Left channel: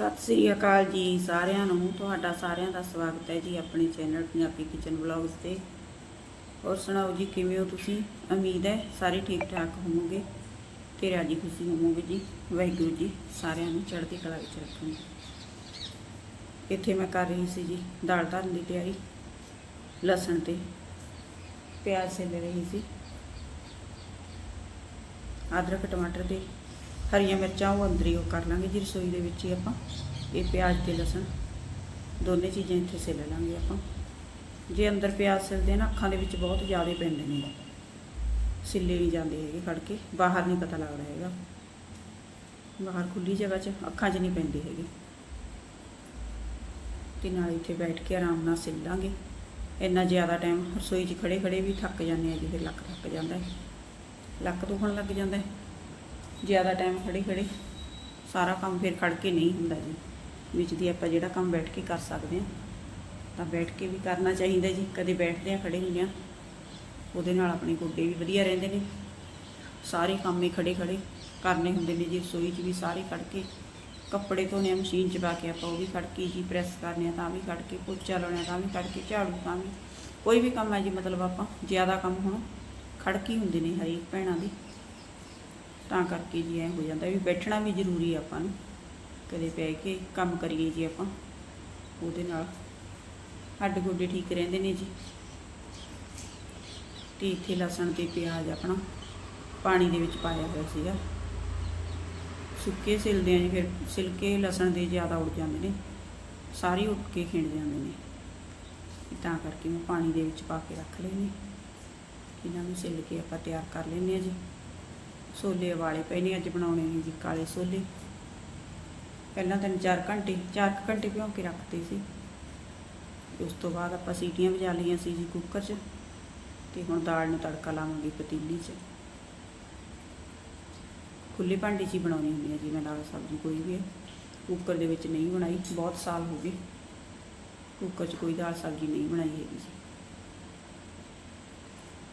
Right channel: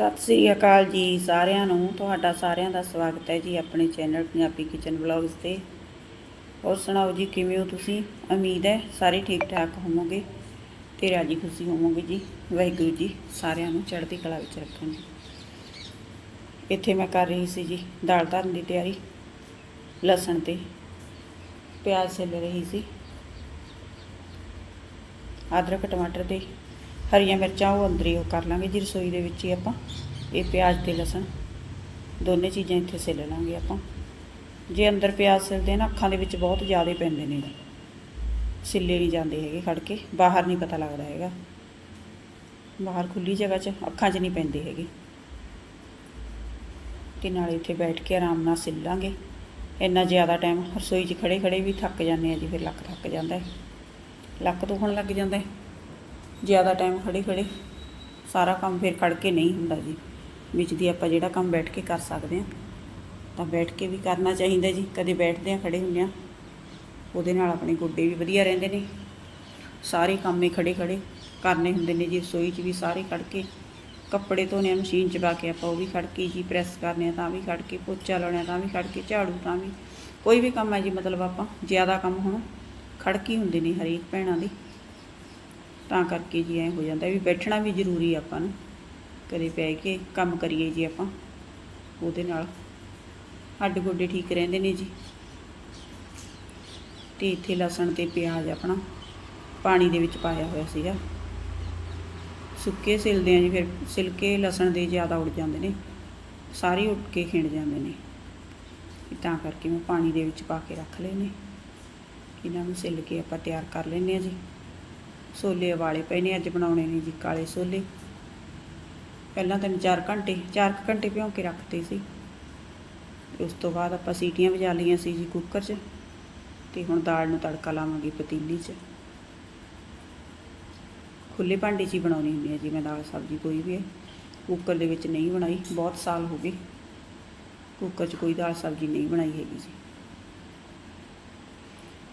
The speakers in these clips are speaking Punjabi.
ਸਤਿ ਸ੍ਰੀ ਅਕਾਲ ਜੀ ਸਾਰਿਆਂ ਨੂੰ। ਤੁਹਾਡਾ ਸਾਰਿਆਂ ਦਾ ਸਵਾਗਤ ਹੈ ਜੀ ਆਪਣੇ ਚੈਨਲ ਪੰਜਾਬੀ ਕਿਚਨ ਵਲੌਗਸ ਤੇ। ਹੋਰ ਸੁਣਾਓ ਜੀ, ਕਿਵੇਂ ਹੋ ਤੁਸੀਂ? ਉਮੀਦ ਹੈ ਸਾਰੇ ਠੀਕ ਠਾਕ ਹੋਵੋਗੇ ਤੇ ਰਾਜੀ ਖੁਸ਼ੀ ਹੋਵੋਗੇ ਜੀ। ਵਾਹਿਗੁਰੂ ਜੀ ਸਾਰਿਆਂ ਨੂੰ ਚੜ੍ਹਦੀ ਕਲਾ ਵਿੱਚ ਰੱਖਣ। ਇੱਥੇ ਮੈਂ ਕਰ ਰਹੀ ਸੀ ਜੀ, ਦਾਲ ਧਰਨ ਦੀ ਤਿਆਰੀ। ਲਸਣ ਤੇ ਪਿਆਜ਼ ਛਿੱਲ ਰਹੀ ਸੀ। ਅਦਰਕ, ਟਮਾਟਰ ਤੇ ਹਰੀਆਂ ਮਿਰਚਾਂ ਉਹ ਅੰਦਰ ਹੀ ਉਹ ਕਰ ਲਾਂਗੇ ਜੀ ਰਸੋਈ ਦੇ ਵਿੱਚ ਹੀ ਆਪਾਂ, ਇਹ ਪਿਆਜ਼ ਤੇ ਲਸਣ, ਦੋਨੇ ਚੀਜ਼ਾਂ ਇੱਥੇ ਸਿੱਲ ਲਾਂਗੇ ਆਪਾਂ। ਜੇ ਅੰਦਰ ਪਿਆਜ਼ ਸਿਲਦੇ ਆ ਨਾ, ਅੱਖਾਂ ਦੇ ਵਿੱਚ ਬਹੁਤ ਜ਼ਿਆਦਾ ਪੈਂਦੇ ਨੇ ਸਿੱਲੇ ਨਹੀਂ ਜਾਂਦੇ ਹੈਗੇ ਖੜ ਕੇ ਬਾਹਰ ਨਹੀਂ ਪਤਾ ਲੱਗਦਾ ਹੈਗਾ। ਬਾਹਰ ਖੁੱਲੀ ਜਗ੍ਹਾ 'ਚ ਅੱਖਾਂ 'ਚ ਨਹੀਂ ਪੈਂਦੇ ਹੈਗੇ। ਤੇ ਨਾਲ ਇੱਥੇ ਬੈਠ ਕੇ ਆਰਾਮ ਨਾਲ ਛਿੱਲ ਲਾਂਗੇ। ਇੰਨਾ ਜ਼ਿਆਦਾ ਟਾਈਮ ਰਸੋਈ 'ਚ ਖੜੇ ਖੜੇ ਵੀ ਥੱਕ ਜਾਂਦੇ ਆ ਜੀ, ਫਿਰ ਲੱਕ ਥੱਕ ਜਾਂਦਾ ਲੱਕ ਦੁਖਣ ਲੱਗ ਜਾਂਦਾ ਜ਼ਿਆਦਾ ਟਾਈਮ ਖੜੇ ਖੜੇ ਸਾਰਾ ਕੰਮ ਫਿਰ ਖੜ ਕੇ ਨਹੀਂ ਹੁੰਦਾ ਜੀ। ਵਿੱਚ ਦੀ ਆਪਾਂ ਜਿਹੜਾ ਕੰਮ ਬੈਠ ਕੇ ਕਰ ਸਕਦੇ ਹਾਂ, ਤਾਂ ਬੈਠ ਕੇ ਵੀ ਕਰਨਾ ਚਾਹੀਦਾ ਜੀ। ਕਦੇ ਬੈਠਦੇ ਆ ਖੜੇ ਹੁੰਦੇ ਆ ਉਹਦੇ ਨਾਲ ਆਪਣੇ ਗੋਡੇ ਵੀ ਵਧੀਆ ਰਹਿੰਦੇ ਨੇ। ਸਾਰੇ ਕੰਮੇ ਖੜੇ ਖੜੇ ਕਰਨੇ ਹੁੰਦੇ ਨੇ ਜੀ। ਰਸੋਈ 'ਚ ਵੀ ਸਾਰੇ ਖੜ ਕੇ ਕੱਪੜੇ ਧੋਣੇ ਆ, ਮਸ਼ੀਨ 'ਚ ਪਾ ਕੇ ਆਪਾਂ ਉਹ ਵੀ ਖੜ ਕੇ ਜੀ ਪ੍ਰੈਸ ਕਰਨੇ ਆ, ਤਾਂ ਵੀ ਖੜ ਕੇ ਪੋਚਾ ਲਾਉਣਾ, ਤਾਂ ਵੀ ਖੜ ਕੇ ਝਾੜੂ, ਤਾਂ ਵੀ ਕੋਈ ਵੀ ਕੰਮ ਹੈ ਜੀ। ਮਤਲਬ ਆਪਾਂ ਜ਼ਿਆਦਾ ਕੰਮ ਹੁਣ ਖੜ ਕੇ ਹੀ ਹੁੰਦੇ ਨੇ ਹਰੇਕ ਭੈਣਾਂ ਦੀ। ਤਾਂ ਕਰਕੇ ਜੀ ਐ ਹੋ ਜਾਂਦਾ ਵੀ ਬੈਠਣਾ ਵੀ ਜ਼ਰੂਰੀ ਆ ਆਪਾਂ ਨੂੰ ਕਦੇ ਪੈ ਕੇ ਕੰਮ ਕਰੀਏ ਜੀ ਆਪਾਂ, ਉਹਦੇ ਨਾਲ ਹੱਡ ਗੋਡੇ ਠੀਕ ਰਹਿੰਦੇ ਨੇ ਜੀ। ਤੇ ਇੱਥੇ ਲਸਣ ਤੇ ਪਿਆਜ਼ ਆਪਣਾ ਪਾਣੀ ਦੇ ਵਿੱਚ ਪਾਇਆ ਹੋਇਆ ਸੀਗਾ। ਸੁੱਕੇ ਸਿਲਦੇ ਆ ਜੀ ਫਿਰ ਸਿਲਕੇ, ਲਸਣ ਦੇ ਜ਼ਿਆਦਾ ਉੱਡ ਜਾਂਦੇ ਨੇ, ਸਾਰੇ ਉੱਡ ਕੇ ਖਿੰਡ ਜਾਂਦੇ ਨੇ। ਤਾਂ ਕਰਕੇ ਮੈਂ ਪਾਣੀ ਦੇ ਵਿੱਚ ਪਾ ਕੇ ਰੱਖ ਲਏ ਨੇ। ਇਹਨਾਂ ਨੂੰ ਸਿਲ ਕੇ ਆਪਾਂ ਤਿਆਰ ਕਰ ਲੈਂਦੇ ਆ ਜੀ। ਛੋਲੇ ਵਾਲੇ ਪਏ ਨੇ, ਅੱਜ ਬਣਾਉਣੇ ਨੇ ਜੀ ਕਾਲੇ ਛੋਲੇ। ਪਹਿਲਾਂ ਤਿੰਨ ਚਾਰ ਘੰਟੇ, ਚਾਰ ਕੁ ਘੰਟੇ ਭਿਉਂ ਕੇ ਰੱਖਤੇ ਸੀ। ਉਸ ਤੋਂ ਬਾਅਦ ਆਪਾਂ ਸੀਟੀਆਂ ਵਜਾ ਲਈਆਂ ਸੀ ਜੀ ਕੁੱਕਰ 'ਚ ਤੇ ਹੁਣ ਦਾਲ ਨੂੰ ਤੜਕਾ ਲਾਵਾਂਗੇ ਪਤੀਲੀ 'ਚ। ਖੁੱਲੇ ਭਾਂਡੇ 'ਚ ਹੀ ਬਣਾਉਣੀ ਹੁੰਦੀ ਹੈ ਜੀ ਮੈਂ ਦਾਲ ਸਬਜ਼ੀ ਕੋਈ ਵੀ ਹੈ। ਕੁੱਕਰ ਦੇ ਵਿੱਚ ਨਹੀਂ ਬਣਾਈ, ਬਹੁਤ ਸਾਲ ਹੋ ਗਏ। ਕੁੱਕਰ 'ਚ ਕੋਈ ਦਾਲ ਸਬਜ਼ੀ ਨਹੀਂ ਬਣਾਈ ਹੈਗੀ ਜੀ।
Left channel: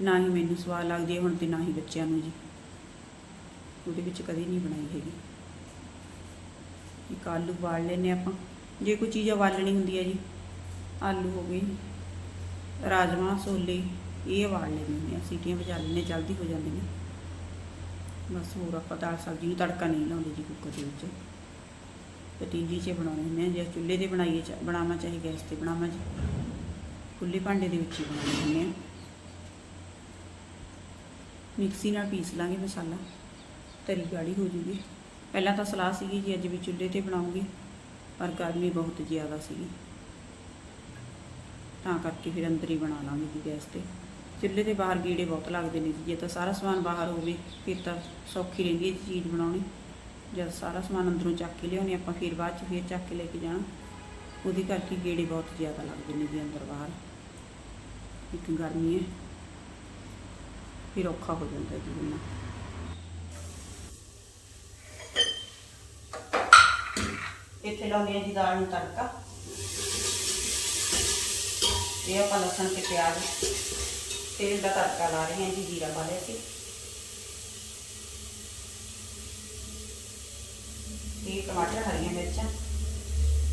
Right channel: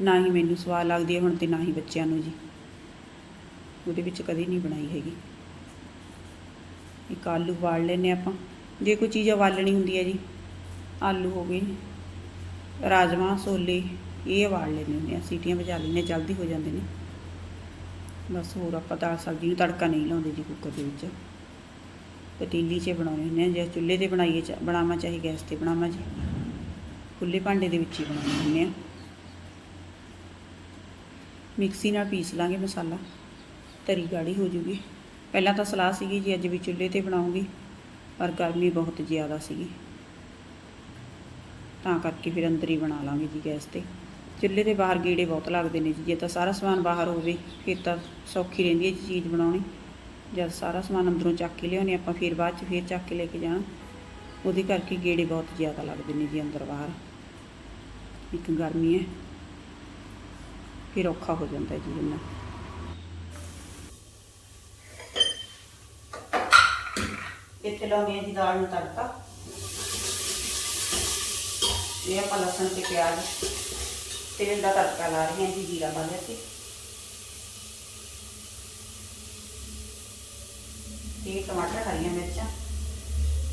ਨਾ ਹੀ ਮੈਨੂੰ ਸਵਾਦ ਲੱਗਦੀ ਹੈ ਹੁਣ ਤੇ ਨਾ ਹੀ ਬੱਚਿਆਂ ਨੂੰ ਜੀ। ਉਹਦੇ ਵਿੱਚ ਕਦੀ ਨਹੀਂ ਬਣਾਈ ਹੈਗੀ। ਇੱਕ ਆਲੂ ਵਾਲ ਲੈਨੇ ਆਪਾਂ। ਜੇ ਕੋਈ ਚੀਜ਼ ਉਬਾਲਣੀ ਹੁੰਦੀ ਹੈ ਜੀ ਆਲੂ ਹੋ ਗਏ ਰਾਜਮਾ ਛੋਲੇ ਇਹ ਵਾਲ ਲੈਂਦੇ ਹੁੰਦੇ ਆ ਸੀਟੀਆਂ ਵਜਾ ਲੈਂਦੇ ਹਾਂ, ਜਲਦੀ ਹੋ ਜਾਂਦੇ ਨੇ। ਬਸ ਹੋਰ ਆਪਾਂ ਦਾਲ ਸਬਜ਼ੀ ਨੂੰ ਤੜਕਾ ਨਹੀਂ ਲਾਉਂਦੇ ਜੀ ਕੁੱਕਰ ਦੇ ਵਿੱਚ। ਪਤੀਲੀ 'ਚ ਬਣਾਉਣੇ ਹੁੰਦੇ ਆ ਜਾਂ ਚੁੱਲ੍ਹੇ ਤੇ ਬਣਾਈਏ ਚਾ- ਬਣਾਵਾਂ ਚਾਹੇ ਗੈਸ ਤੇ ਬਣਾਵਾਂ ਜੀ। ਖੁੱਲੇ ਭਾਂਡੇ ਦੇ ਵਿੱਚ ਹੀ ਬਣਾਉਣੇ ਹੁੰਦੇ ਆ ਮਿਕਸੀ ਨਾਲ ਪੀਸ ਲਾਂਗੇ ਮਸਾਲਾ। ਤਰੀ ਗਾੜੀ ਹੋ ਜੂਗੀ। ਪਹਿਲਾਂ ਤਾਂ ਸਲਾਹ ਸੀਗੀ ਜੀ, ਅੱਜ ਵੀ ਚੁੱਲ੍ਹੇ ਤੇ ਬਣਾਉਂਗੀ, ਪਰ ਗਰਮੀ ਬਹੁਤ ਜ਼ਿਆਦਾ ਸੀਗੀ। ਤਾਂ ਕਰਕੇ ਫਿਰ ਅੰਦਰ ਹੀ ਬਣਾ ਲਾਂਗੇ ਜੀ ਗੈਸ ਤੇ। ਚੁੱਲ੍ਹੇ ਦੇ ਬਾਹਰ ਗੀੜੇ ਬਹੁਤ ਲੱਗਦੇ ਨੇ ਜੀ, ਜੇ ਤਾਂ ਸਾਰਾ ਸਮਾਨ ਬਾਹਰ ਹੋਵੇ, ਫਿਰ ਤਾਂ ਸੌਖੀ ਰਹਿੰਦੀ ਹੈ ਜੀ ਚੀਜ਼ ਬਣਾਉਣੀ। ਜਦ ਸਾਰਾ ਸਮਾਨ ਅੰਦਰੋਂ ਚੱਕ ਕੇ ਲਿਆਉਣੇ, ਆਪਾਂ ਫਿਰ ਬਾਅਦ ਚ ਫਿਰ ਚੱਕ ਕੇ ਲੈ ਕੇ ਜਾਣਾ। ਉਹਦੇ ਕਰਕੇ ਗੇੜੇ ਬਹੁਤ ਜ਼ਿਆਦਾ ਲੱਗਦੇ ਨੇ ਜੀ ਅੰਦਰ ਬਾਹਰ। ਇੱਕ ਗਰਮੀ ਹੈ, ਫਿਰ ਔਖਾ ਹੋ ਜਾਂਦਾ ਜੀ ਇਹਨਾਂ ਇੱਥੇ ਲਾਉਂਦੇ ਹਾਂ ਜੀ ਦਾਲ ਨੂੰ ਤੜਕਾ। ਇਹ ਆਪਾਂ ਲਸਣ ਤੇ ਪਿਆਜ਼, ਤੇਲ ਦਾ ਤੜਕਾ ਲਾ ਰਹੇ ਹਾਂ ਜੀ, ਜੀਰਾ ਪਾ ਲਿਆ ਸੀ। ਇਹ ਟਮਾਟਰ ਹਰੀਆਂ ਮਿਰਚਾਂ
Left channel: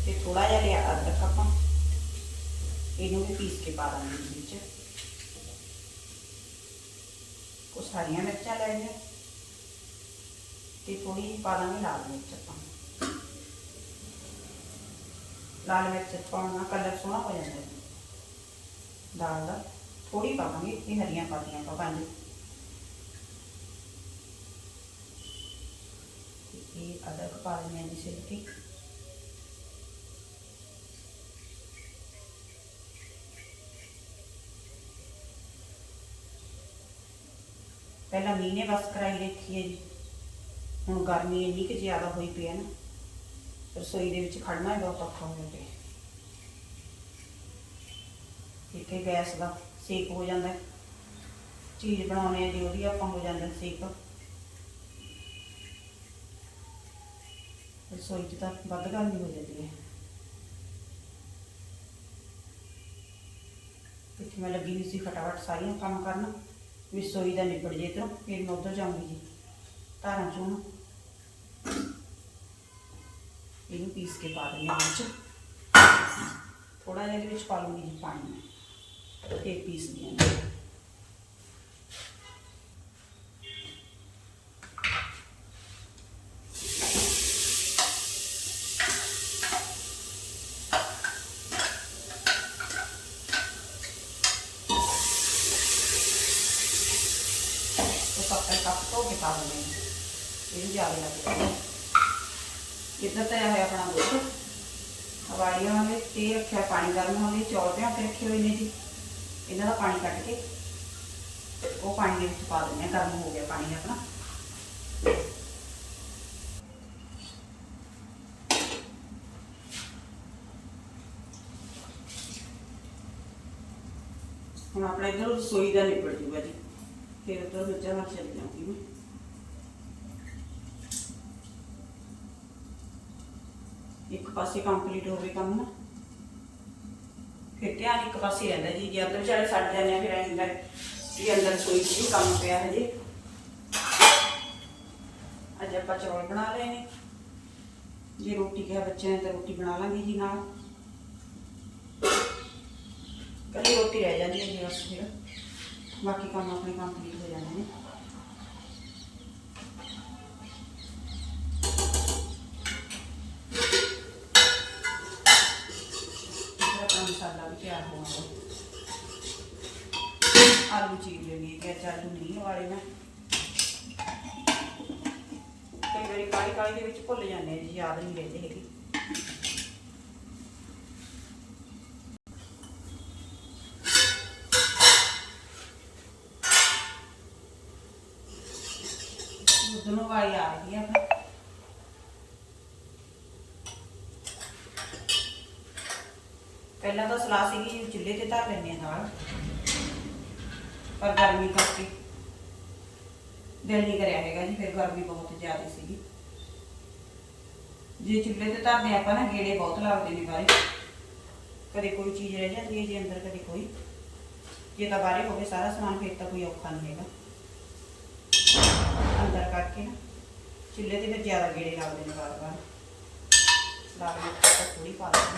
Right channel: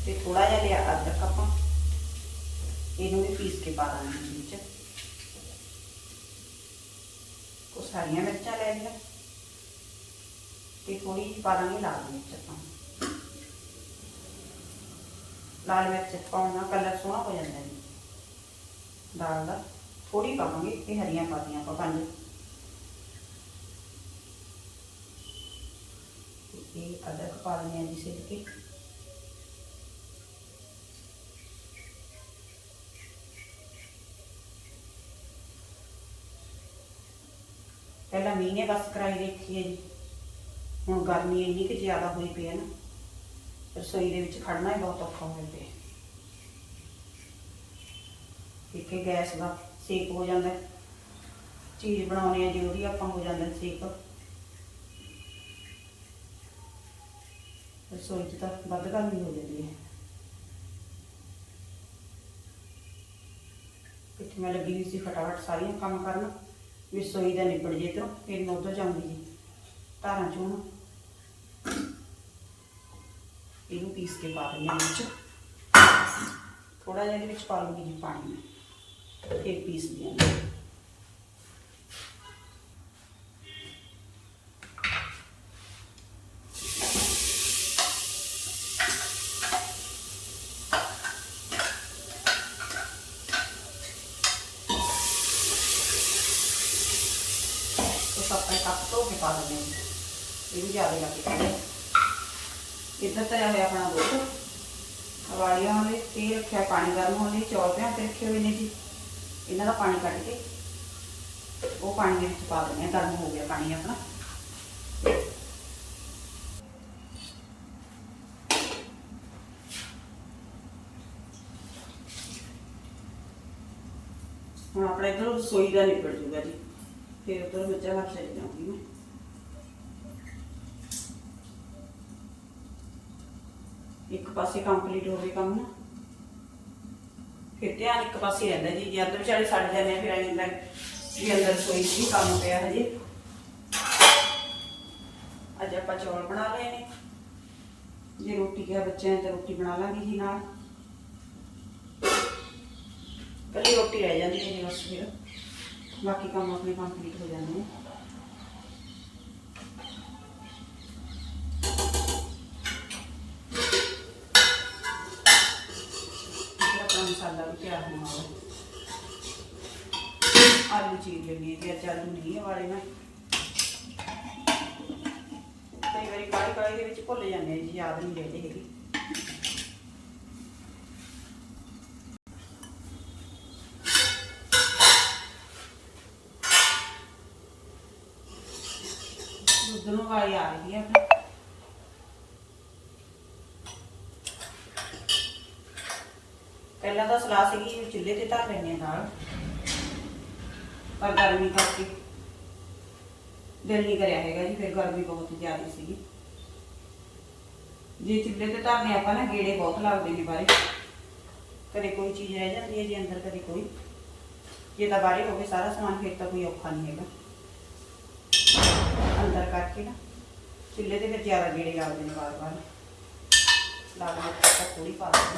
ਤੇ ਥੋੜਾ ਜਿਹਾ ਲਿਆ ਅਦਰਕ ਆਪਾਂ। ਇਹਨੂੰ ਵੀ ਪੀਸ ਕੇ ਪਾ ਦਾਂਗੇ ਵਿੱਚ। ਕੁਛ ਹਰੀਆਂ ਮਿਰਚਾਂ ਲੈ ਲਈਆਂ। ਤੇ ਥੋੜੀ ਜਿਹੀ ਪਾ ਦਾਂਗੇ ਲਾਲ ਮਿਰਚ ਆਪਾਂ। ਲਾਲ ਮਿਰਚ ਪਾਉਣ ਨਾਲ ਕਲਰ ਸੋਹਣਾ ਹੋ ਜਾਂਦਾ ਹੈ ਦਾਲ ਦਾ ਥੋੜੀ ਪਾਵਾਂਗੇ ਤੇ ਹਰੀਆਂ ਪਾਤੀਆਂ ਆਪਾਂ ਪੰਜ। ਇਹ ਅਦਰਕ ਪਾ ਦਿੰਦੇ ਹਾਂ ਜੀ ਸਿਰਫ ਤੇ। ਪਹਿਲਾਂ ਮੀਂਹ ਨੇ ਬਸ ਕਰਾਈ ਰੱਖੀ ਹੈ ਜੀ। ਹੁਣ ਗਰਮੀ ਇੰਨੀ ਕਿ ਜ਼ਿਆਦਾ ਹੋਈ ਪਈ ਹੈ ਨਾ। ਰਸੋਈ ਦੇ ਵਿੱਚ ਖੜਨਾ ਹੀ ਬਹੁਤ ਔਖਾ ਹੋ ਜਾਂਦਾ ਇੱਥੇ ਗੈਸ ਦਾ ਸੇਕ ਹੋ ਜਾਂਦਾ ਚੀਜ਼ ਬਣਾਉਣੇ ਆ, ਜੇ ਉਹਦੀ ਆਪਾਂ ਹੋ ਜਾਂਦਾ ਸੇਕ। ਰਸੋਈ 'ਚ ਤਾਂ ਵੱਧ ਗਰਮੀ ਹੋ ਜਾਂਦੀ ਹੈ ਇੱਥੇ ਮੈਂ ਲੱਗੀ ਸੀ ਫਟਾਫਟ ਸਾਰੀਆਂ ਕੰਮ ਕਰਨ। ਵੀ ਰਸੋਈ ਦਾ ਨਿਬੜ ਜੇ ਤੋਂ ਫਿਰ ਮੈਂ ਉੱਧਰ ਜਾਊਂਗੀ ਜੀ। ਧਾਰਾਂ ਚੋਂ इन पीस के पा देंगे थोड़ा जहाँ बिच पा लूँगी पानी में, फिर पीस देंगे तो सब कप तो निकाल लेंगे। ये भी ज़्यादा लगे। ਇੱਧਰ ਤਾਂ ਹੈ ਆਪਣਾ ਦੁੱਧ ਹਵਾਈਆਂ ਵਾਲੇ ਤੇ ਰੱਖਿਆ, ਪਾਣੀ ਗਰਮ ਹੋਣ ਚੌਲ ਪਿਆ ਕੇ ਰੱਖੇ ਹੋਏ ਨੇ ਜੀ। ਇਹਨਾਂ ਦਾ ਪਾਣੀ ਕੱਢ ਕੇ ਉਹ ਪਾਣੀ ਦੇ ਵਿੱਚ ਪਾ ਦਿੰਦੇ ਹਾਂ ਗਰਮ ਹੋ ਗਿਆ ਪਾਣੀ ਆਪਣਾ। ਹੁਣ ਆਪਣਾ ਇਧਰ ਰਸੋਈ ਦਾ ਨਿਬੜ ਜੂਗਾ ਜੀ। ਫਿਰ ਉਧਰ ਮਿਰਚਾਂ ਲੱਗ ਚਲੀ ਜਾਊਂਗੀ ਮੈਂ। ਇੱਕ ਪਾਸੇ ਕੰਪਲੀਟ ਹੋਵੇ ਕੰਮ। ਨਾ ਫਿਰ ਧਿਆਨ ਇੱਕ ਪਾਸੇ ਰਹਿੰਦਾ ਜੀ, ਜੇ ਅੰਦਰ ਵਿਚਾਰੇ ਛੱਡ ਜਾਂਦੇ ਆ, ਫਿਰ ਐਂ ਹੁੰਦਾ ਵੀ ਅੰਦਰ ਰਸੋਈ ਵੀ ਕੰਮ ਪਿਆ ਹੈ ਅੱਜ ਆਪਾਂ ਚੌਲ ਬਣਾ ਲਏ ਨੇ। ਜੇ ਰੋਟੀ ਕਿਹਾ ਬੱਚਿਆਂ ਨੇ ਤਾਂ ਰੋਟੀ ਬਣਾ ਲਾਂਗੇ ਜੀ ਨਾਲ। ਕੱਲੀ ਰੋਟੀ ਰਹਿ ਜਾਂਦੀ ਹੈ ਜੀ ਉਸ ਫਿਰ। ਬਾਕੀ ਕੰਮ ਆਪਣੇ ਕੰਪਲੀਟ ਹੋ ਜਾਂਦੇ ਨੇ ਇੱਧਰ ਆਪਣਾ ਮਸਾਲਾ ਵੀ ਤਿਆਰ ਹੋਣਾ ਹੈ ਆਲੂ ਚੀਰ ਲੈਣੀ ਹੈ ਕਿ ਅੱਜ ਆਲੂ ਨਹੀਂ ਹੈ ਵਾਲੇ ਮੈਂ ਕਈ ਵਾਰੀ ਕਾਲੀ ਕਾਲੀ ਦੇ ਵਿੱਚ ਭੁੱਲ ਜਾਂਦੇ ਆ, ਜੀ ਯਾਦ ਨਹੀਂ ਰਹਿੰਦੇ ਹੈਗੇ। ਦੁੱਧ ਨੂੰ ਵਾਲੀ ਆ ਰਹੀ ਹੈ ਆਪਣੀ ਪਹਿਲਾਂ ਤਾਂ ਸਲਾਹ ਸੀਗੀ ਚੁੱਲ੍ਹੇ ਤੇ ਧਰ ਲੈਣੇ ਆ ਨਾਲ। ਪਰ ਗਰਮੀ ਕਰਕੇ ਦਿਲ ਨਹੀਂ ਕਰਿਆ ਹੈਗਾ ਜੀ, ਫਿਰ ਗਰਮੀ ਬਹੁਤ ਜ਼ਿਆਦਾ ਸੀਗੀ। ਜੇ ਚੁੱਲ੍ਹੇ ਤੇ ਧਰਨੇ ਆਪਾਂ ਨਾ, ਗੇੜੇ ਬਹੁਤ ਲੱਗਦੇ ਨੇ ਬਾਰੇ ਕਦੇ ਕੋਈ ਚੀਜ਼ ਰਹਿ ਜਾਂਦੀ ਹੈ ਜੀ ਅੰਦਰ, ਕਦੇ ਕੋਈ। ਜੇ ਤਾਂ ਬਾਰੇ ਹੋਵੇ ਸਾਰਾ ਸਮਾਨ, ਫਿਰ ਤਾਂ ਕੋਈ ਔਖਾ ਨਹੀਂ ਹੈਗਾ। ਅੰਦਰ ਕਰਕੇ ਨਾ, ਚੁੱਲ੍ਹੇ ਤੇ ਫਿਰ ਜ਼ਿਆਦਾ ਗੇੜੇ ਲੱਗਦੇ ਨੇ ਵਾਰ ਵਾਰ ਲੱਗਦੇ ਤਾਂ ਥੋੜੀ ਪਾ ਦਿੰਦੇ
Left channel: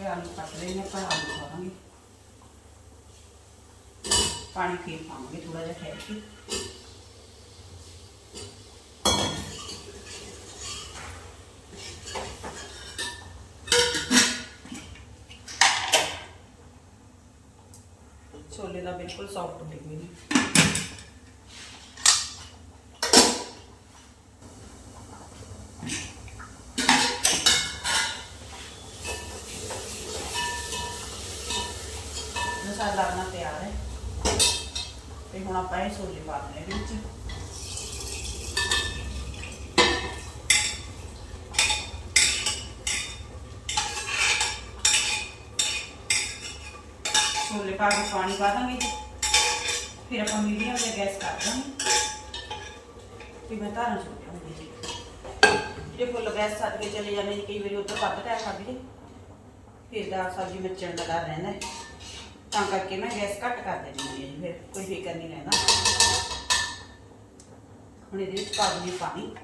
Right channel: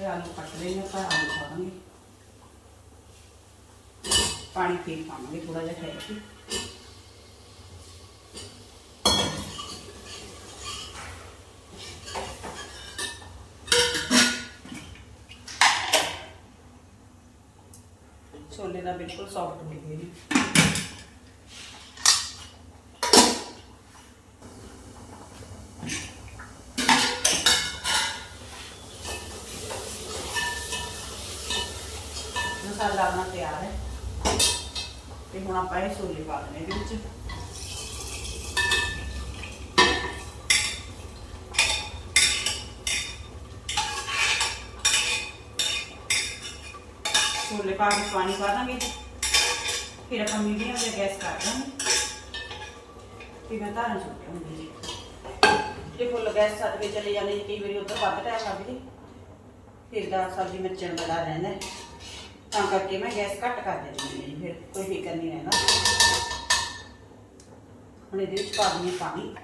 ਇਹ ਆਲੂ ਕੱਟ ਰਹੇ ਨੇ, ਆਪਾਂ ਆਲੂ ਖਾਵਾਂਗੇ। ਪਾਣੀ ਫੇਰ ਪਾਵਾਂਗੇ ਥੋੜਾ ਜਿਹਾ ਠਹਿਰ ਕੇ। ਛੋਲੇ ਦਾ ਬਿਲਕੁਲ ਸੌਫਟ ਹੋ ਗਏ ਨੇ। ਮਸਾਲਾ ਆਪਣਾ ਤਿਆਰ ਹੈ। ਤੇ ਹੁਣ ਆਪਾਂ ਇਹ ਛੋਲੇ ਪਾ ਦੇਣੇ ਇਹਦੇ ਵਿੱਚ। ਛੋਲੇ ਪਾ ਕੇ ਪਾਣੀ ਪਾ ਦਾਂਗੇ ਫਿਰ ਆਪਾਂ ਮੀਡੀਅਮ ਤੇ ਗੈਸ ਕਰ ਦਾਂਗੇ। ਤੇ ਮੈਂ ਧਾਰਾਂ ਚੁੱਕ ਲਾਂਗੀ ਜੀ। ਫੁੱਲ ਗੈਸ ਛੱਡ ਕੇ ਚਲੇ ਜਾਂਦੇ ਕਈ ਵਾਰੀ ਉੱਧਰ ਵੱਧ ਟਾਈਮ ਲੱਗ ਜੇ। ਫਿਰ ਦਾ ਸਬਜ਼ੀ ਮਿਰਚਣ ਦਾ ਡਰ ਰਹਿੰਦਾ ਤਾਂ ਕਰਕੇ ਮੈਂ ਗੈਸ ਘੱਟ ਕਰ ਦਿੰਦੀ ਹਾਂ ਫਿਰ ਕੋਈ ਫਿਕਰ ਨਹੀਂ ਰਹਿੰਦਾ। ਹੁਣ ਇਹਦੇ ਵਿੱਚ ਪਾ ਦਿੰਦੀ ਹਾਂ ਪਾਣੀ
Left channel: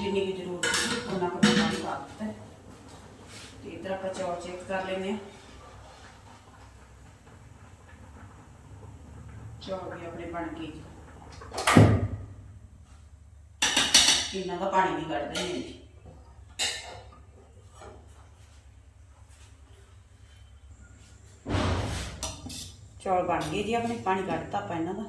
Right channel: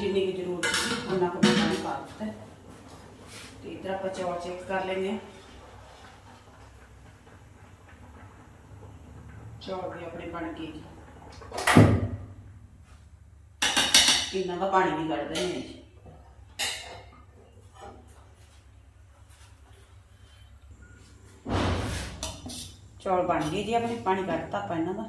ਜਿੰਨੀ ਕੁ ਜ਼ਰੂਰਤ ਸੀ ਉਹਨਾਂ ਕੁ ਮੈਂ ਪਾਣੀ ਪਾ ਦਿੱਤਾ ਹੈ। ਤੇ ਇਧਰ ਆਪਾਂ ਚੌਲ ਚੈੱਕ ਕਰ ਲੈਨੇ ਆ ਚੌਲ ਵੀ ਆਪਣੇ ਬਣ ਗਏ ਇਹਨਾਂ ਦਾ ਪਾਣੀ ਵੀ ਕੱਢਦੇ ਦਿੰਦੇ ਜੀ ਚੌਲ ਬਣ ਗਏ ਜੀ ਆਪਣੇ, ਪਾਣੀ ਕੱਢਤਾ ਆਪਾਂ ਇਹਨਾਂ ਦਾ।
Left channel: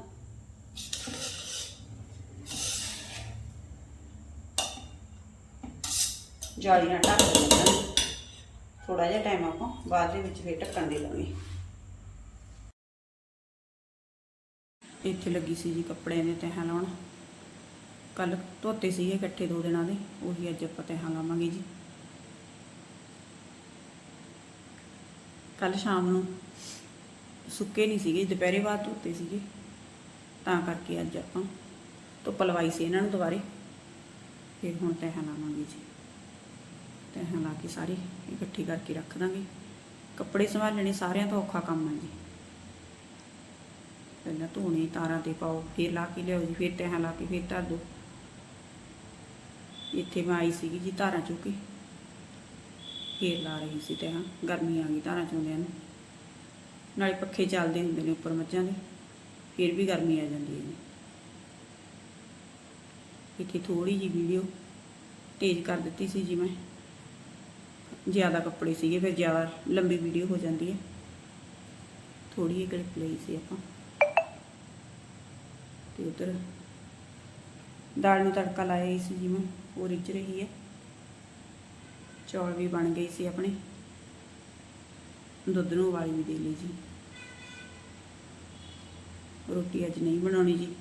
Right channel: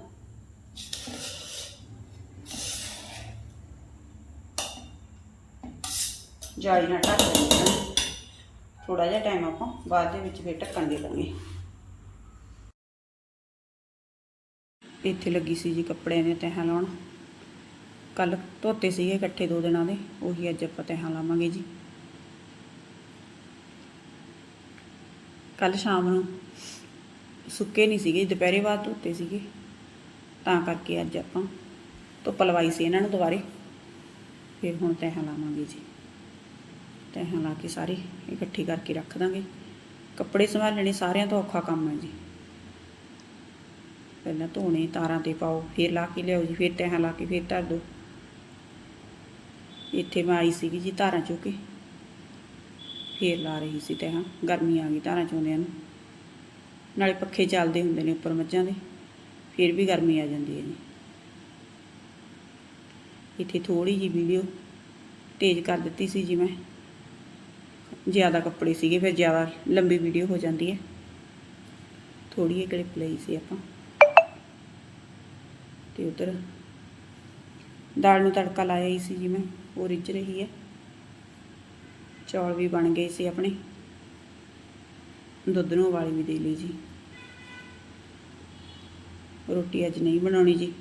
ਜਾਲੀ ਨਾਲ ਢੱਕ ਦਿੰਦੇ ਹਾਂ। ਥੋੜਾ ਜਿਹਾ ਟਾਈਮ ਆਪਾਂ ਬਾਅਦ ਦੇ ਵਿੱਚ ਫਿਰ ਢੱਕਣ ਦੇ ਦਾਂਗੇ ਇੱਥੇ ਲੱਗੀ ਸੀ ਜੀ ਕੱਪੜਿਆਂ ਦੀਆਂ ਤਹਾਂ ਲਾਉਣ। ਕੱਲ ਧੋਤੇ ਸੀਗੇ ਇਕੱਠੇ ਦੋ ਦਿਨਾਂ ਦੇ, ਉਹੀ ਅੱਜ ਆਪਾਂ ਤਹਾਂ ਲਾਵਾਂਗੇ ਜੀ। ਕੱਲ ਸ਼ਾਮ ਨੂੰ ਸੁੱਕੇ ਨਹੀਂ ਸੀਗੇ, ਦੁਪਹਿਰੇ ਬਾਅਦ ਧੋਤੇ ਸੀਗੇ। ਤਾਂ ਕਰਕੇ ਅੱਜ ਆਪਾਂ ਧੁੱਪ ਲਵਾਈ ਸੀ ਇਹਨਾਂ ਨੂੰ ਦੁਬਾਰੇ। ਫਿਰ ਹੁਣ ਤੈਹਾਂ ਲਾਵਾਂਗੇ ਜੀ। ਤੈਹਾਂ ਲਾ ਕੇ ਸਾਰੇ ਇਕੱਠੀ ਕਰਕੇ ਰੱਖ ਦਾਂਗੇ। ਕੱਪੜੇ ਸੰਭਾਲਣੇ ਸਾਰਿਆਂ ਤੋਂ ਔਖਾ ਕੰਮ ਹੈ ਜੀ। ਪਹਿਲਾਂ ਧੋਣੇ, ਤਾਰਾਂ ਤੇ ਪਾਓ, ਫਿਰ ਲਾ ਕੇ ਲਿਆਓ ਜੀ, ਫਿਰ ਤੈਹਾਂ ਲਾ ਕੇ ਫਿਰ ਧਰ ਦਿਓ ਇੱਥੇ ਮੈਂ ਆਈ ਸੀਗੀ ਜੀ ਧਾਰਾਂ ਚੁੱਕ ਕੇ। ਫੇਰ ਲਾ ਰਹੀ ਸੀ ਤੈਹਾਂ ਗਰਮੀ ਆ ਗਈ ਧਾਰਾਂ ਚੋਂਦਿਆਂ ਨੂੰ। ਨਾਲੇ ਪੱਖੇ ਚੱਲਦੇ ਹੁੰਦੇ ਨੇ ਉੱਪਰ ਮੱਝਾਂ ਦੇ, ਫਿਰ ਵੀ ਗਰਮੀ ਆ ਜਾਂਦੀ ਹੈ ਜੀ। ਇੱਥੇ ਥੋੜੀ ਜੀ ਵੀਡੀਓ ਤੇਜ਼ ਕਰ ਦਿੱਤੀ ਸੀ ਜੀ ਮੈਂ। ਜ਼ਿਆਦਾ ਕੱਪੜੇ ਸੀਗੇ, ਫਿਰ ਜ਼ਿਆਦਾ ਲੰਬੀ ਵੀਡੀਓ ਹੋ ਜਾਂਦੀ ਹੈ। ਥੋੜੀ ਜਿਹੀ ਕਲਿੱਪ ਲਈ ਸੀ ਆਪਾਂ। ਤੇ ਉਧਰ। ਦਾਲ ਨੂੰ ਤੜਕਾ ਲਾਇਆ ਹੀ ਸੀ ਜਿਵੇਂ ਉਹ ਰਿੱਝ ਰਹੀ ਹੈ। ਚੌਲ ਵੀ ਬਣ ਗਏ ਸੀ ਆਪਣੇ। ਦੁੱਧ ਨੂੰ ਉਬਾਲੀ ਵੀ ਦੇ ਲਈ ਜੀ। ਰੋਟੀ ਅੱਜ ਨਹੀਂ ਬਣਾਉਣੀ ਜੀ।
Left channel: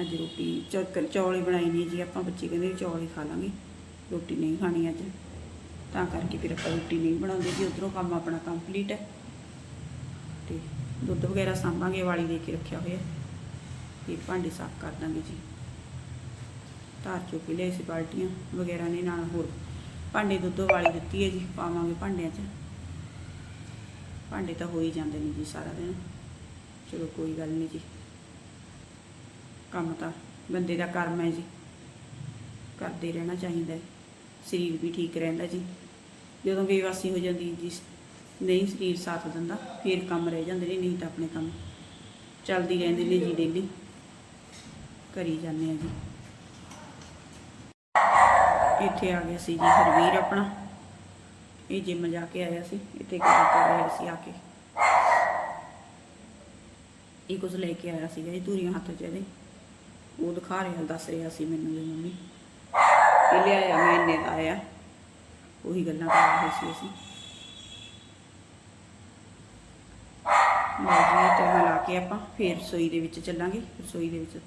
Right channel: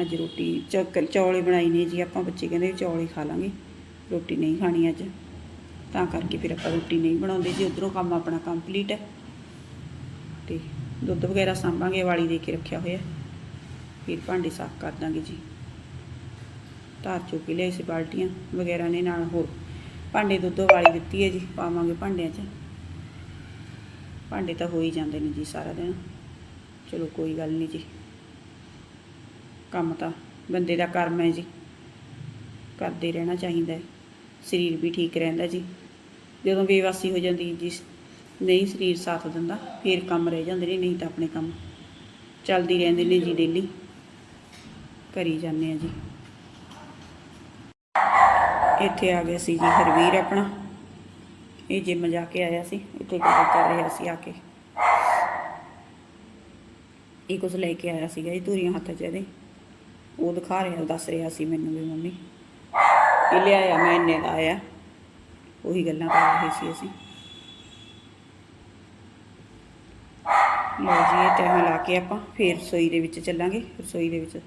ਅੱਜ ਰੋਟੀ ਚੌਲ ਹੀ ਬਣਾਈ ਨੇ ਜੀ। ਆਪਾਂ ਬੱਚੇ ਕਹਿੰਦੇ ਵੀ ਚੌਲ ਹੀ ਖਾ ਲਾਂਗੇ। ਰੋਟੀ ਨਹੀਂ ਖਾਣੀ ਅੱਜ। ਤਾਂ ਕਰਕੇ ਫਿਰ ਆਪਾਂ ਰੋਟੀ ਨਹੀਂ ਬਣਾਉਂਦੇ ਜੀ। ਉਧਰੋਂ ਕੰਮ ਆਪਣਾ ਕੰਪਲੀਟ ਹੈ। ਤੇ ਦੁੱਧ ਵਗੈਰਾ ਸਾਂਭਾਂਗੇ, ਵਾਲੀ ਦੇ ਕੇ ਰੱਖਿਆ ਹੋਇਆ। ਫਿਰ ਭਾਂਡੇ ਸਾਫ਼ ਕਰ ਦਾਂਗੇ ਜੀ। ਧਾਰ ਚੁੱਕ ਕੇ ਲਿਆਏ ਸੀ ਬਾਲਟੀਆਂ, ਵਗੈਰਾ ਨੇ ਨਾਲ ਹੋਰ। ਭਾਂਡੇ ਦੁੱਧ ਵਾਲੀ ਦਿੱਤੀ ਹੈ ਜੀ, ਪਾਵਾਂਗੇ ਭਾਂਡਿਆਂ 'ਚ। ਭਾਂਡੇ ਤਾਂ ਹੋ ਹੀ ਜਾਂਦੇ ਨੇ ਜੀ ਸਾਰਾ ਦਿਨ। ਚਲੋ ਕੋਈ ਗੱਲ ਨਹੀਂ ਜੀ। ਕੰਮ ਤਾਂ ਬੰਦੇ ਦਾ ਕਰਮ ਹੈ ਜੀ। ਕਰਦੇ ਰਹਿਣਾ ਚਾਹੀਦਾ ਹੈ। ਸਰੀਰ ਵੀ ਠੀਕ ਰਹਿੰਦਾ ਜੀ। ਜਦੋਂ ਬੇਵਾਸੀ ਹੋ ਜਾਂਦੀ ਜੀ, ਨਹੀਂ ਸਰੀਰ ਸਾਥ ਦਿੰਦਾ, ਫਿਰ ਕੰਮ ਰਹਿ ਜਾਂਦੇ ਨੇ, ਨਹੀਂ ਤਾਂ ਆਪਣੇ ਕੰਮ ਚੱਲਦੀ ਰਹਿੰਦੇ ਨੇ ਜੀ ਡੇਲੀ ਕਰੀ ਜਾਂਦੇ ਆ ਜੀ। ਇੱਥੇ ਆ ਗਏ ਸੀ ਜੀ ਹਰਵੀਰ ਆਪਣਾ। ਇਹ ਜਿਮ ਜਾ ਕੇ ਆਇਆ ਸੀ ਇੱਥੇ ਕੰਮ ਕਰ ਰਿਹਾ ਸੀ ਆ ਕੇ। ਇਹ ਕੁਝ ਲੈ ਕੇ ਆਇਆ ਸੀਗਾ ਇਹ ਧੂਰੀਆਂ ਹੱਥ 'ਚ ਇਹਦੇ। ਉਹ ਦਿਖਾ ਰਿਹਾ ਦੱਸ ਰਿਹਾ ਸੀ ਮੈਨੂੰ ਵੀ ਮੰਮੀ। ਇਹ ਲਿਆਇਆ ਮੈਂ, ਇੰਨੇ ਦਾ ਆਇਆ। ਉਹੀ ਗੱਲਾਂ ਕਰ ਰਹੇ ਸੀ ਅਸੀਂ। ਲਓ ਜੀ, ਇਹ ਤੈਹਾਂ ਲਾ ਕੇ ਆਪਾਂ, ਫੇਰ ਰਸੋਈ ਦੇ ਵਿੱਚ ਚੱਲਾਂਗੇ, ਰਸੋਈ ਦੇ ਵਿੱਚ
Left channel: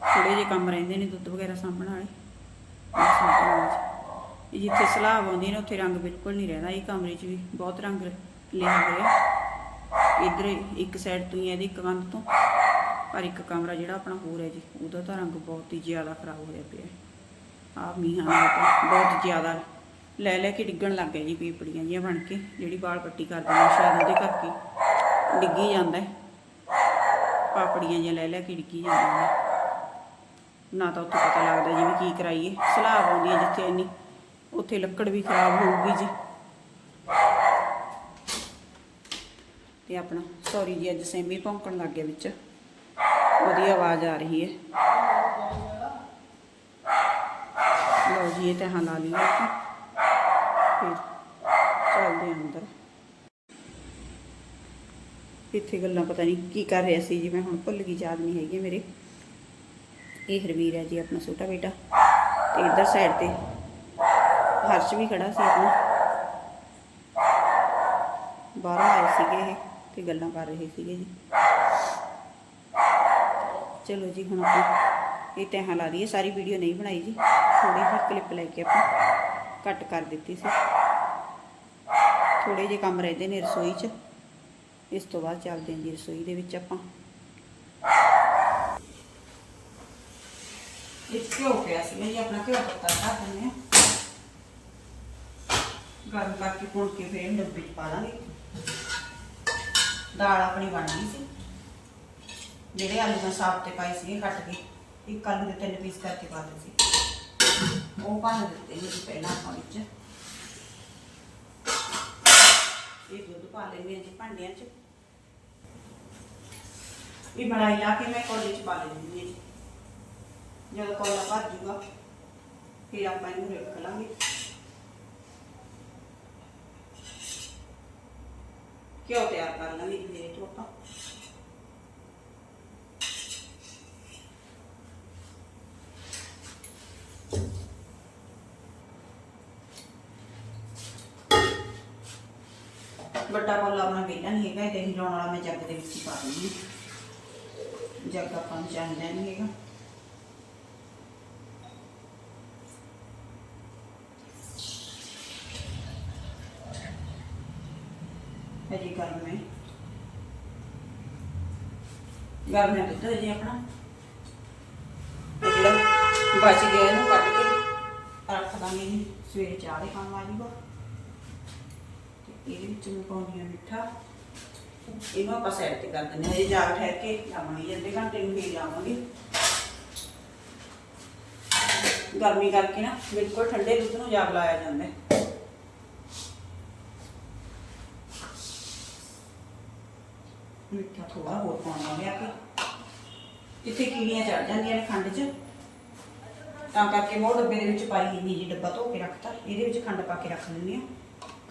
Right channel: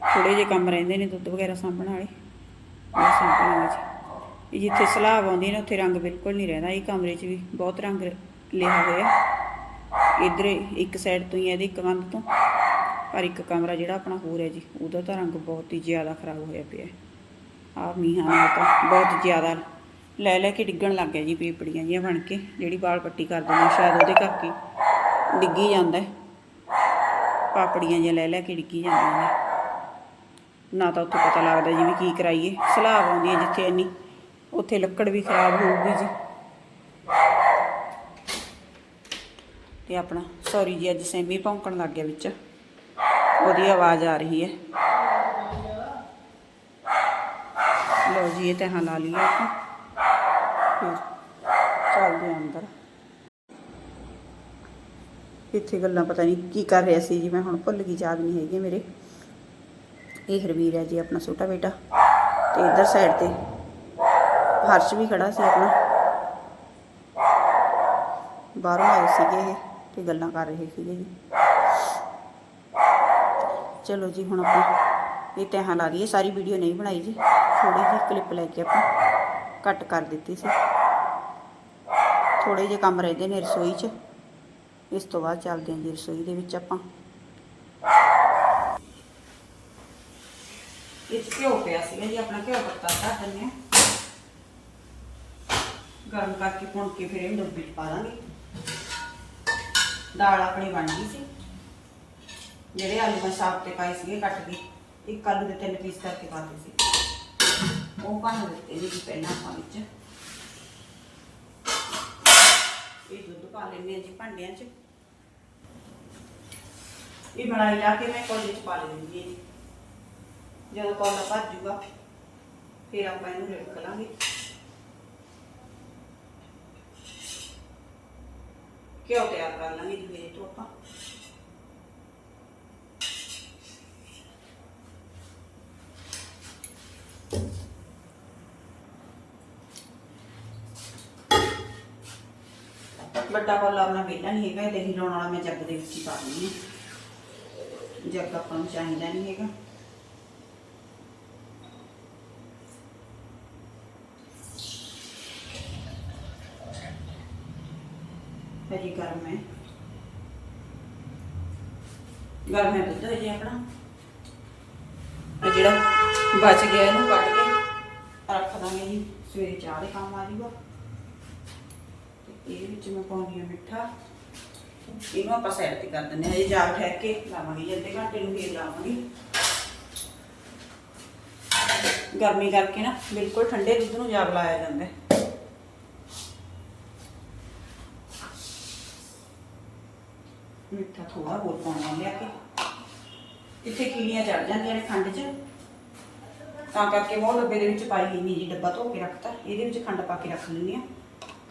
ਥੋੜੇ ਜਿਹੇ ਕੰਮ ਰਹਿੰਦੇ ਨੇ ਦੁੱਧ ਵਗੈਰਾ ਸਾਂਭਣ ਵਾਲੇ। ਸਾਂਭਣ ਵਾਲੇ ਜੀ। ਇਹ ਜਿੱਥੇ ਸਲਾਬ ਆਉਂਦੀ ਨੇ, ਉੱਥੇ ਰੰਗ ਬਿਲਕੁਲ ਨਹੀਂ ਰਹਿੰਦਾ। ਇਹ ਕਮਰੇ 'ਚ ਵੀ ਬਹੁਤ ਰੰਗ ਲਿਆ ਹੋਇਆ। ਇਧਰ ਇੱਕ ਸਾਈਡ ਤੋਂ ਹੀ ਹੈ ਇਹਦੀ ਇੱਕ ਕੰਧ ਤੋਂ। ਪਰ ਇੱਕ ਕਮਰਾ ਜਿਹੜਾ ਆਪਣਾ ਹੋਰ ਹੈ ਜੀ, ਉਹਦਾ ਤਾਂ ਰੰਗ ਬਹੁਤ ਹੀ ਜ਼ਿਆਦਾ ਖਰਾਬ ਹੋਇਆ ਪਿਆ ਹੈ। ਆ ਮੀਂਹਾਂ ਨਾਲ ਤਾਂ ਬਹੁਤ ਜ਼ਿਆਦਾ। ਲੈ ਲੈ ਕੇ ਡਿੱਗਣ ਲੱਗ ਗਿਆ ਜੀ ਪੀਪੜੀਆਂ ਜੀਆਂ ਬਣ ਕੇ, ਜਿਹੜੀ ਬਾਲ ਪੱਟੀ ਕਰ ਦਿੰਦੇ ਸ਼ਾਇਦ ਉਹਦੇ ਕਰਕੇ। ਡਿੱਗੀ ਜਾਂਦਾ ਪਾਪੜੀਆਂ ਜਿਹੀਆਂ ਲੈ ਲੈ ਕੇ ਡਿੱਗੀ ਜਾਂਦੀਆਂ ਨੇ। ਨਾ ਤਾਂ ਉੱਥੇ ਪਤਾ ਲੱਗਦਾ ਜੀ ਵੀ ਕੀ ਕਰਾਈਏ। ਸਲਾਬ ਆਉਂਦੀ ਹੈ ਜਿੱਥੇ ਇੰਨੀ, ਉੱਥੇ ਲੱਕੜ ਵੀ ਖਰਾਬ ਹੋਊਗੀ ਜੀ। ਤੇ ਆਪਣਾ ਸੌਰੀ ਜੀ, ਅੱਜ ਸੈਮੀ ਭੌਂਕਣ ਲੱਗ ਗਿਆ ਵਿੱਚ। ਉਹਦੀ ਆਵਾਜ਼ ਆ ਰਹੀ ਹੈ। ਲਓ ਜੀ, ਇਹ ਤੇ ਹਾਂ ਲਾ ਲਈਏ ਆਪਾਂ ਫਿਰ ਚੱਲਦੇ ਹਾਂ ਅੰਦਰ। ਇੱਥੇ ਗੱਲਾਂ ਪਤਾ ਨਹੀਂ ਕੀ ਕਰ ਰਿਹਾ ਸੀ ਜੀ, ਮੈਂ ਹੁਣ ਭੁੱਲ ਗਈ, ਯਾਦ ਨਹੀਂ ਹੈਗੀ ਮੇਰੇ। ਇਹ ਹਰਵੀਰ ਹੈ ਜੀ ਆਪਣਾ ਛੋਟਾ ਬੇਟਾ ਤੇ ਇਧਰ ਸਾਈਡ ਤੇ ਹਰਸ਼ ਵੀ ਖੜਾ ਸੀ ਆਪਣਾ। ਬਾਹਰੋਂ ਆਏ ਸੀਗੇ ਇਹ ਤੇ ਗੱਲਾਂ ਕਰ ਰਹੇ ਸੀਗੇ ਜੀ। ਚਲੋ ਜੀ, ਹੁਣ ਆਪਾਂ ਇਹ ਤੈਹਾਂ ਲਾ ਲਈਏ। ਸਾਰੀ ਵੀਡੀਓ ਨਹੀਂ ਬਣਾਈ ਜੀ। ਥੋੜੀ ਜਿਹੀ ਕਲਿੱਪ ਲੈ ਕੇ ਆਪਾਂ ਕੱਟ ਕਰ ਦਿੱਤੀ ਸੀ। ਥੋੜੇ ਜਿਹੇ ਕੰਮ ਰਹਿੰਦੇ ਨੇ ਰਸੋਈ 'ਚ। ਇਸ ਤੋਂ ਬਾਅਦ ਚੱਲਦੇ ਹਾਂ ਜੀ ਰਸੋਈ ਦੇ ਵਿੱਚ ਆਪਾਂ। ਇਹ ਘਿਓ ਪਿਆ ਸੀ ਜੀ ਆਪਣਾ ਘਿਓ ਪੱਤਾ ਧਰ ਦਿੰਦੇ ਹਾਂ। ਗਰਮ ਕਰਕੇ ਭੁੰਨ ਕੇ ਫਿਰ ਇਹਨੂੰ ਡੱਬੇ 'ਚ ਪਾ ਦਾਂਗੇ। ਦਾਲ ਆਪਣੀ ਬਣ ਗਈ ਸੀ। ਜਿਹੜੇ ਆਲੂ ਮੈਂ ਸਾਫ਼ ਤੇ ਪਾਏ ਸੀਗੇ ਕੱਟ ਕੇ, ਇੱਕ ਆਲੂ ਦੇ ਤਿੰਨ ਪੀਸ ਕਰਕੇ ਪਾਤੇ ਸੀ। ਉਹ ਭੰਨ ਦਿੱਤੇ ਜੀ ਪਹਿਲਾਂ ਆਪਾਂ ਵਿੱਚ। ਇਹ ਦੁੱਧ ਪਾ ਲੈਂਦੇ ਹਾਂ ਜੀ ਭਾਂਡਿਆਂ 'ਚ। ਇਹ ਬਣਾਈ ਲਾ ਕੇ ਮੈਂ ਕੋਲੀ 'ਚ ਪਾ ਲੈਂਦੀ ਹਾਂ ਜੀ। ਜਦੋਂ ਕੋਲਾ ਭਰ ਜੂਗਾ, ਫਿਰ ਆਪਾਂ ਇਹਨੂੰ ਰੱਖ ਲਾਂਗੇ। ਘਿਓ ਤਿਆਰ ਕਰ ਲਾਂਗੇ ਜੀ ਤੋਂ ਆਪਾਂ। ਵੱਡਾ ਕੋਲਾ ਆਪਣਾ ਵੇਲਾ ਨਹੀਂ ਹੈਗਾ ਇਹ ਦਹੀਂ ਲਾਉਣ ਵਾਲਾ ਮੈਂ ਜੱਗ ਦੇ ਵਿੱਚ ਹੀ ਪਾ ਦਿੰਦੀ ਜੱਗ ਆਪਾਂ ਨੂੰ ਚਾਹੀਦਾ ਨਹੀਂ ਹੈਗਾ। ਹਜੀ ਗਰਮ ਹੈ। ਗਰਮ ਹੈ ਦੁੱਧ ਹਜੇ ਆਪਣਾ। ਤੇ ਜਿਹੜਾ ਬਚ ਗਿਆ ਇਹਨੂੰ ਕੱਢ ਕੇ ਰੱਖ ਦਾਂਗੇ ਜੀ। ਸਵੇਰੇ ਚਾਹ ਦੇ ਕੰਮ ਆ ਜੂਗਾ। ਤੇ ਇਹਦੇ ਵਿੱਚ ਮੈਂ ਪਾਉਂਦੀ ਹਾਂ ਮਿੱਠਾ। ਇਹਨੂੰ ਆਪਾਂ ਸਾਈਡ ਤੇ ਕਰ ਦਿੰਦੇ ਹਾਂ। ਇਹ ਜਾ ਠਹਿਰ ਕੇ ਲਾਵਾਂਗੇ ਅੱਧੇ ਘੰਟੇ ਨੂੰ ਫੇਰ ਲਾਵਾਂਗੇ। ਗਰਮੀ ਕਰਕੇ ਨਾ ਬਿਲਕੁਲ ਠੰਡੇ ਦੁੱਧ ਨੂੰ ਜਾਗ ਲਾਇਆ ਜਾਂਦਾ ਹੈ। ਮਿੱਠਾ ਥੋੜਾ ਹੋਰ ਪਾਉਣਾ ਲਿਆ ਕੇ ਇੱਥੇ ਕੀੜੀਆਂ ਚੜ ਜਾਂਦੀਆਂ ਨੇ ਖੰਡ 'ਚ। ਤਾਂ ਕਰਕੇ ਉਹ ਡੱਬੇ ਦੇ ਵਿੱਚ ਪਾਈ ਹੀ ਨਹੀਂ ਜੀ ਡੱਬਾ ਧੋ ਕੇ ਰੱਖਤਾ। ਇਹਦੇ ਵਿੱਚ ਖੰਡ ਪਾ ਕੇ ਰੱਖ ਲੈਂਦੇ ਆ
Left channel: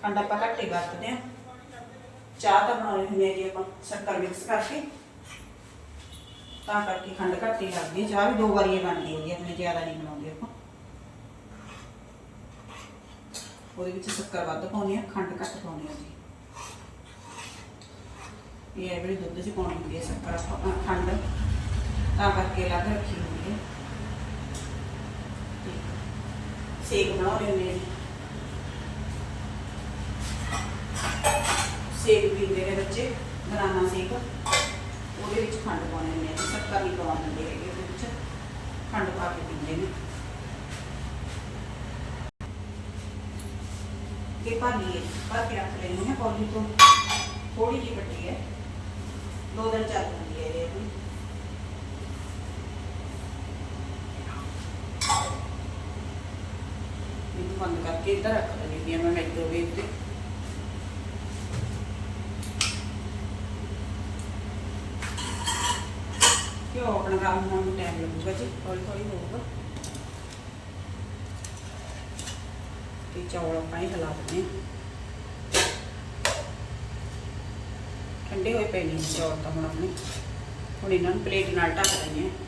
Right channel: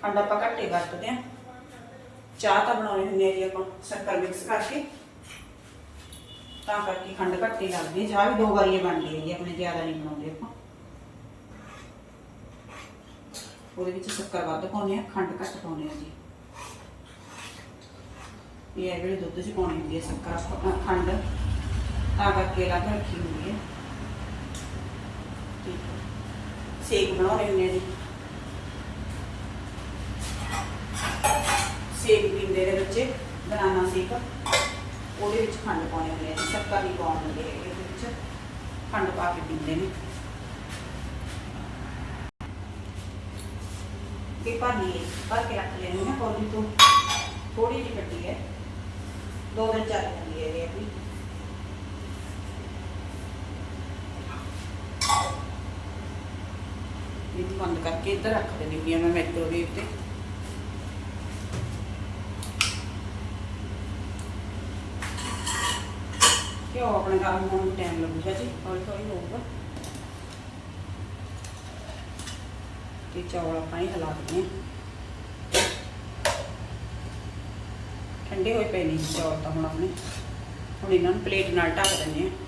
ਖੰਡ ਆਪਾਂ ਘੱਟੇ ਵਰਤਦੇ ਆ ਚਾਹ ਤਾਂ ਬਣਾਉਣੀ ਹੁੰਦੀ ਹੈ ਜੀ ਆਪਾਂ, ਸ਼ੱਕਰ ਮਿਕਸ ਕਰਕੇ। ਤਾਂ ਕਰਕੇ ਖੰਡ ਘੱਟ ਹੀ ਲੱਗਦੀ ਹੈ। ਚਾਹ ਵੀ ਦੋ ਵਾਰੀ ਬਣਦੀ ਹੈ ਜੀ ਆਪਣੇ ਜ਼ਿਆਦਾ ਨਹੀਂ ਬਣਾਉਂਦੇ ਆਪਾਂ। ਉਹਦੇ ਵਿੱਚ ਸ਼ੱਕਰ ਵੱਧ ਪਾਉਂਦੇ ਆ ਖੰਡ ਘੱਟ ਪਾਉਂਦੇ ਆ ਜੀ। ਇਹ ਹੈ ਜਿਹੜੀ ਦੁੱਧ 'ਚ ਪਾਉਣੀ ਹੁੰਦੀ ਹੈ ਸ਼ੱਕਰ ਆਪਾਂ ਖੰਡ ਤਾਂ ਕਰਕੇ ਅਲੱਗ ਰੱਖੀ ਹੁੰਦੀ ਹੈ। ਠੀਕ ਹੈ। ਸੇਕ ਹੁੰਦੇ ਆ ਸੇਕ ਪੀਂਦੇ ਨੇ ਬੱਚੇ ਬਨਾਨਾ ਸੇਕ। ਉਹਦੇ ਵਿੱਚ ਖੰਡ ਪਾਉਣੇ ਹੁੰਦੇ ਆ ਜੀ, ਸ਼ੱਕਰ ਨਹੀਂ ਪਾਉਣ ਦਿੰਦੇ ਹੈਗੇ ਉਹਦੇ ਵਿੱਚ। ਖੰਡ ਪਾ ਕੇ ਪੀਂਦੇ ਨੇ। ਇਹ ਭਰ ਲਈਏ ਭਰ ਕੇ ਰੱਖ ਲੈਣੀ ਹੈ ਪੌੜੀ ਤੋਂ। ਥੋੜੀ ਜਿਹੀ ਵੱਡੀ ਹੈ। ਦੋ ਦਿਨ ਚੱਲ ਜਾਂਦੀ ਹੈ ਇਹ ਆਪਣੀ ਇਹਨੂੰ ਬੰਦ ਕਰਕੇ ਇੱਧਰ ਰੱਖ ਲੈਣੀ ਹੈ ਮੈਂ ਮਾਈਕ੍ਰੋਵੇਵ ਤੇ। ਕਿਉਂ ਆਪਣਾ ਕੰਮ ਹੋਣ ਨੂੰ ਟਾਈਮ ਲੱਗੂਗਾ ਜੀ? ਹੌਲੀ ਹੌਲੀ ਹੋਊਗਾ। ਤੇ ਚੌਲ ਆਪਾਂ ਹੀ ਹਿਲਾ ਦਿੰਦੇ ਹਾਂ। ਠੰਡੇ ਹੋਏ ਪਏ ਨੇ ਚੌਲ ਤਾਂ ਹੁਣ ਆਪਣੇ। ਹੁਣ ਇਹਨਾਂ ਨੂੰ ਪਲੇਟ ਨਾਲ ਢੱਕ ਦਿੰਦੇ ਹਾਂ।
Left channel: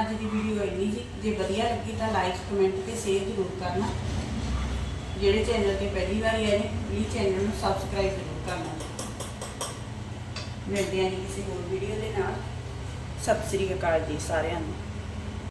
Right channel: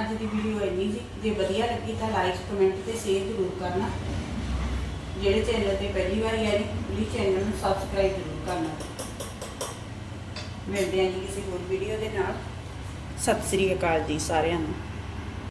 ਅੱਜ ਦੀ ਵੀਡੀਓ ਇੰਨੀ ਜੀ, ਜੇ ਵਧੀਆ ਲੱਗੀ ਤਾਂ ਲਾਈਕ ਕਮੈਂਟ ਤੇ ਸ਼ੇਅਰ ਜ਼ਰੂਰ ਕਰਨਾ। ਜਿਹੜੇ ਚੈਨਲ ਤੇ ਪਹਿਲੀ ਵਾਰੀ ਆਏ ਨੇ ਪਲੀਜ਼ ਚੈਨਲ ਨੂੰ ਸਬਸਕ੍ਰਾਈਬ ਜ਼ਰੂਰ ਕਰਨਾ। ਮਿਲਦੇ ਹਾਂ ਜੀ ਕਿਸੇ ਹੋਰ ਵੀਡੀਓ ਦੇ ਨਾਲ। ਸਤਿ ਸ੍ਰੀ ਅਕਾਲ ਜੀ ਸਾਰਿਆਂ ਨੂੰ।